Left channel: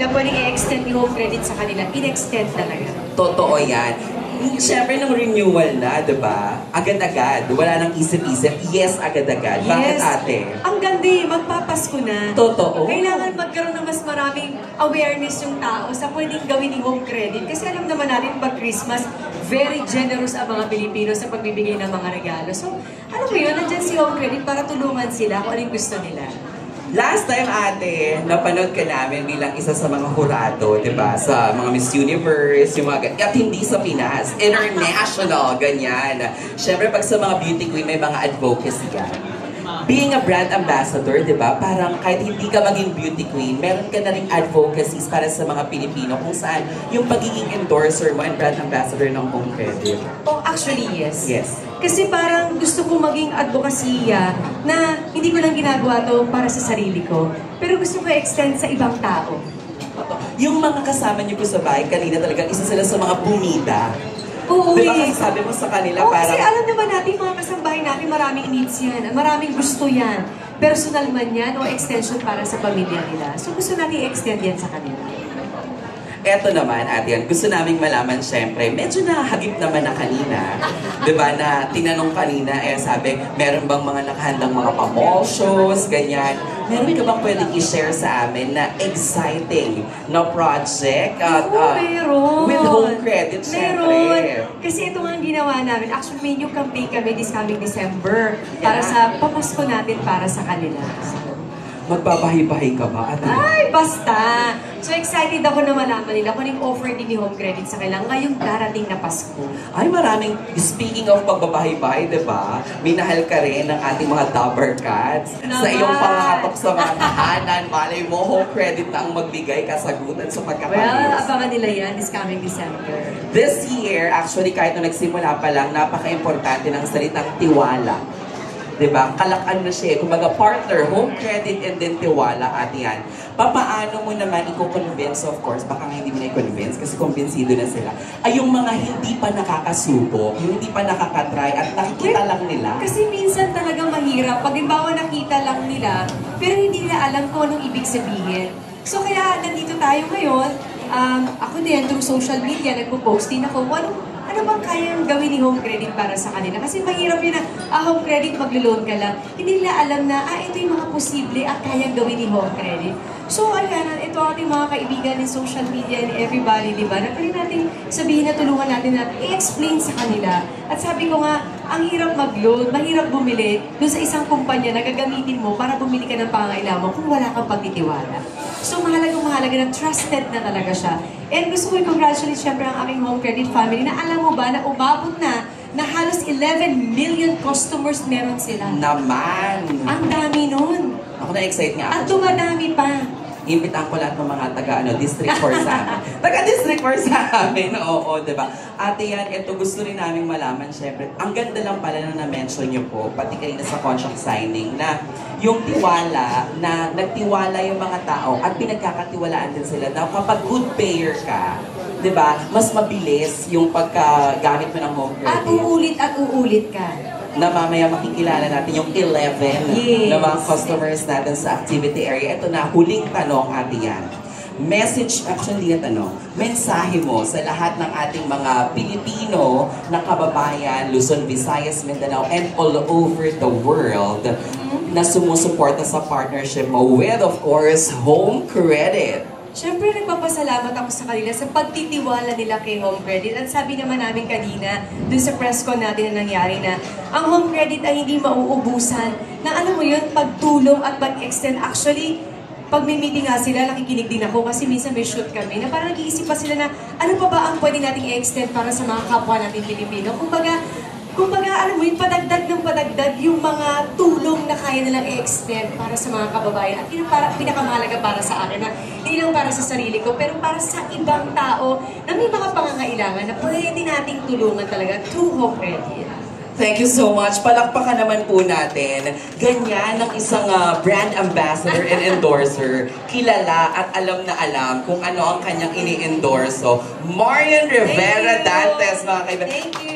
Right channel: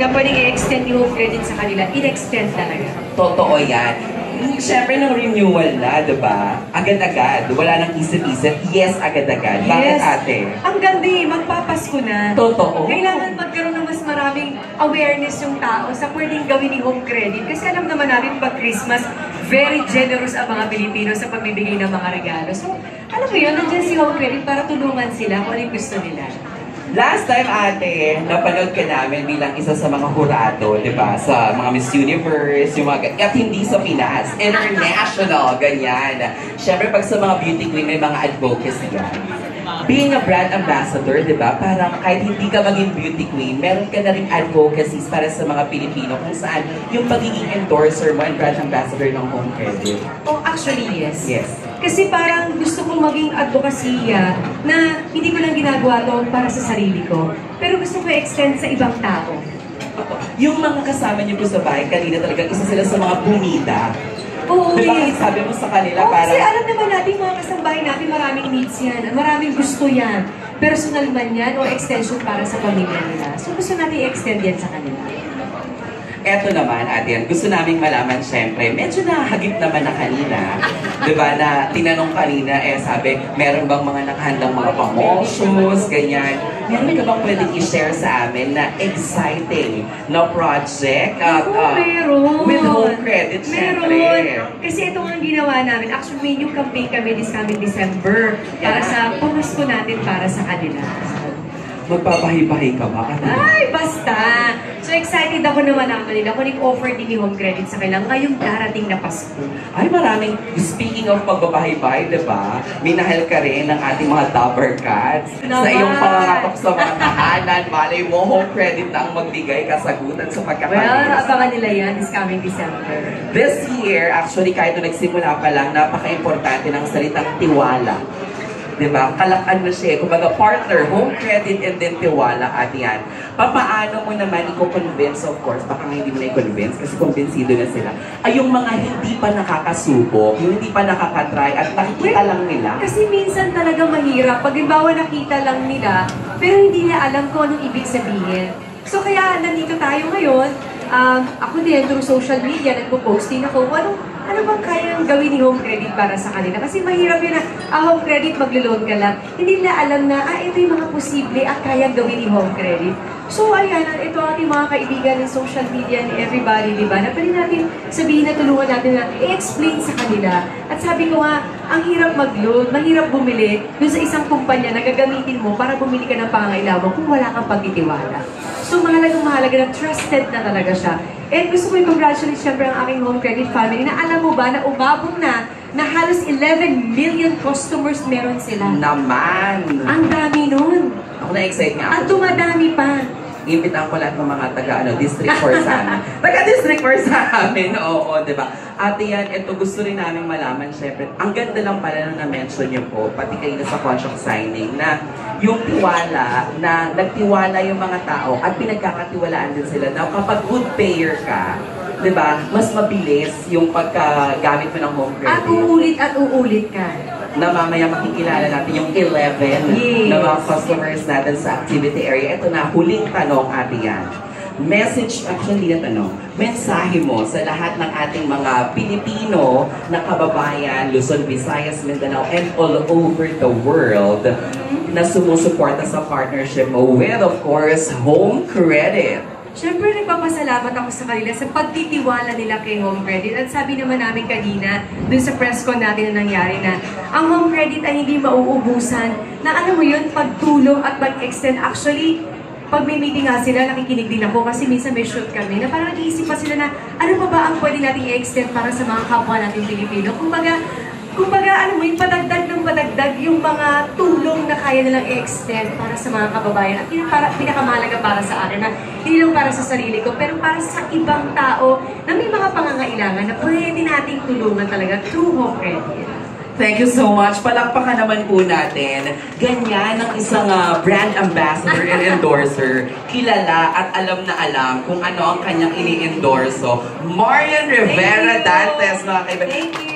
na pwedeng i-extend yung credit sa kanila, in-extend talaga. Totoo yan. Siyempre, ng renewal na, diba? Agad-agad. Wala nang isip-isip. Yes, agad-agad. Bakit, ate? Ang ganda eh. Magpapasko na. Totoo. Kailangan magkaroon ng mas maraming awareness yung tao sa pwedeng gawin ni home credit. Kasi alam naman natin, pag Christmas, very generous ang mga Pilipino sa pagbibigay ng mga regalo. So, alam mo yun, nandyan si home credit para tulungan sila kung ano yung gusto nila. Last time, ate, napanood ka namin bilang isa sa mga hurado, di ba? Sa mga Miss Universe, yung mga... At hindi sa Pinas, international, ganyan. Siyempre, pag sa mga beauty queen, may mga advocacy yan. Being a brand ambassador, di ba? Parang kahit hindi ka maging beauty queen, meron ka na rin advocacies para sa mga Pilipino kung saan yung pagiging endorser mo and brand ambassador ng home credit. Oh, actually, yes. Yes. Kasi parang gusto kong maging advokasya na hindi ko lang ginagawa to para sa sarili ko. Pero gusto ko i-extend sa ibang tao. Yung mga kasama niyo po sa bahay, kanina talagang isa sila sa mga bumida. Oo, diba kasi sabi mo sa kanila parang... Kasi alam naman natin, mga kasambahay natin, maraming needs yan. Maraming gusto yan. Personal man yan o extension para sa pamilya nila. So gusto natin i-extend yan sa kanila. Eto naman, ate, gusto naming malaman, syempre, medyo nahagip naman na kanina. Diba, na tinanong kanina, sabi, meron bang mga nakahandang mga promotions, ganyan. Meron ka bang pwedeng i-share sa amin na exciting na project? Meron. With home credit, syempre. Meron. Kasi ito ang ginawa namin. Actually, may new campaign kami this coming December para sa pamasko natin para sa kanila. Magpapahi-pahi ka ba? Ay, basta! So excited ako na malaman nila kung yung offer din ni home credit sa kailang ngayong darating na Pasko. Ay, maraming, speaking of pagbabahay-bahay, diba? Minahal ka rin ng ating mga Dabber Cats sa iyong pangangatok sa mga tahanan. Malay mo, home credit na ang magbigay kasagutan sa pagkakalis. Well, abangan nila yan this coming December. This year, actually, kahit nung nagsimula pa lang, napaka-importante ng salitang tiwala. Diba? Kalakan mo siya. Kumbaga, partner, home credit, and then tiwala at yan. Papaano mo naman i-convince, of course, baka hindi mo na i-convince kasi kumbinsido na sila, ay yung mga hindi pa nakakasubok, yung hindi pa nakakatry at nakikita lang nila. Kasi minsan talaga mahirap. Pag halimbawa nakita lang nila, pero hindi na alam kung anong ibig sabihin. So kaya nandito tayo ngayon, ako din through social media, nagpo-post din ako, ano bang kayang gawin ni home credit para sa kanila? Kasi mahirap yun na, home credit, maglo-loan ka lang. Hindi nila alam na, ito yung mga posible at kayang gawin ni home credit. So, ayan, ito ang ating mga kaibigan ni social media, ni everybody, di ba? Na pwede natin sabihin na tulungan natin na i-explain sa kanila. At sabi ko nga, ang hirap mag-loan, mahirap bumili dun sa isang kumpanya na gagamitin mo para bumili ka ng pangangailangan kung wala kang pagtitiwala. So, mahalaga na trusted na talaga siya. And gusto ko i-congratulate siyempre ang aking home credit family na alam mo ba na umabot na halos 11 million customers meron sila. Naman! Ang dami nun. Ako na-excite niya. At dumadami pa. Imbitan ko lahat ng mga District 4 sa amin. Taga-District 4 sa amin, oo, diba? Ate yan, ito gusto rin namin malaman, syempre. Ang ganda lang pala na na-mention niyo po, pati kayo na sa contract signing, na yung tiwala, na nagtiwala yung mga tao at pinagkakatiwalaan din sila na kapag good payer ka, diba, mas mabilis yung pagkagamit mo ng home credit. At uulit ka. Na mamaya makikilala natin yung 11 na mga customers natin sa activity area. Ito na, huling tanong, ate yan. Message, actually na tanong, mensahe mo sa lahat ng ating mga Pilipino na kababayan, Luzon, Visayas, Mindanao, and all over the world na sumusuporta sa partnership mo with, of course, home credit. Siyempre, nagpapasalamat ako sa kanila sa pagtitiwala nila kay home credit. At sabi naman namin kanina, dun sa press con natin na nangyari na ang home credit ay hindi mauubusan na alam mo yun, pagtulong at pag-extend. Actually, pag may meeting nga sila, nakikinig din ako kasi minsan may shoot kami na parang nag-iisip pa sila na ano pa ba ang pwede nating i-extend para sa mga kapwa natin Pilipino. Kumbaga, alam mo, yung padagdag ng padagdag yung mga tulong na kaya nilang i-extend para sa mga kababayan. At yun pinakamahalaga para sa akin na hindi lang para sa sarili ko, pero para sa ibang tao na may mga pangangailangan na pwede nating tulungan talaga through home credit. Thank you so much. Palakpakan naman po natin. Ganyan ang isang brand ambassador and endorser. Kilala at alam na alam kung ano ang kanyang ini-endorso. Marian Rivera Dantes, mga kaibigan. Thank you.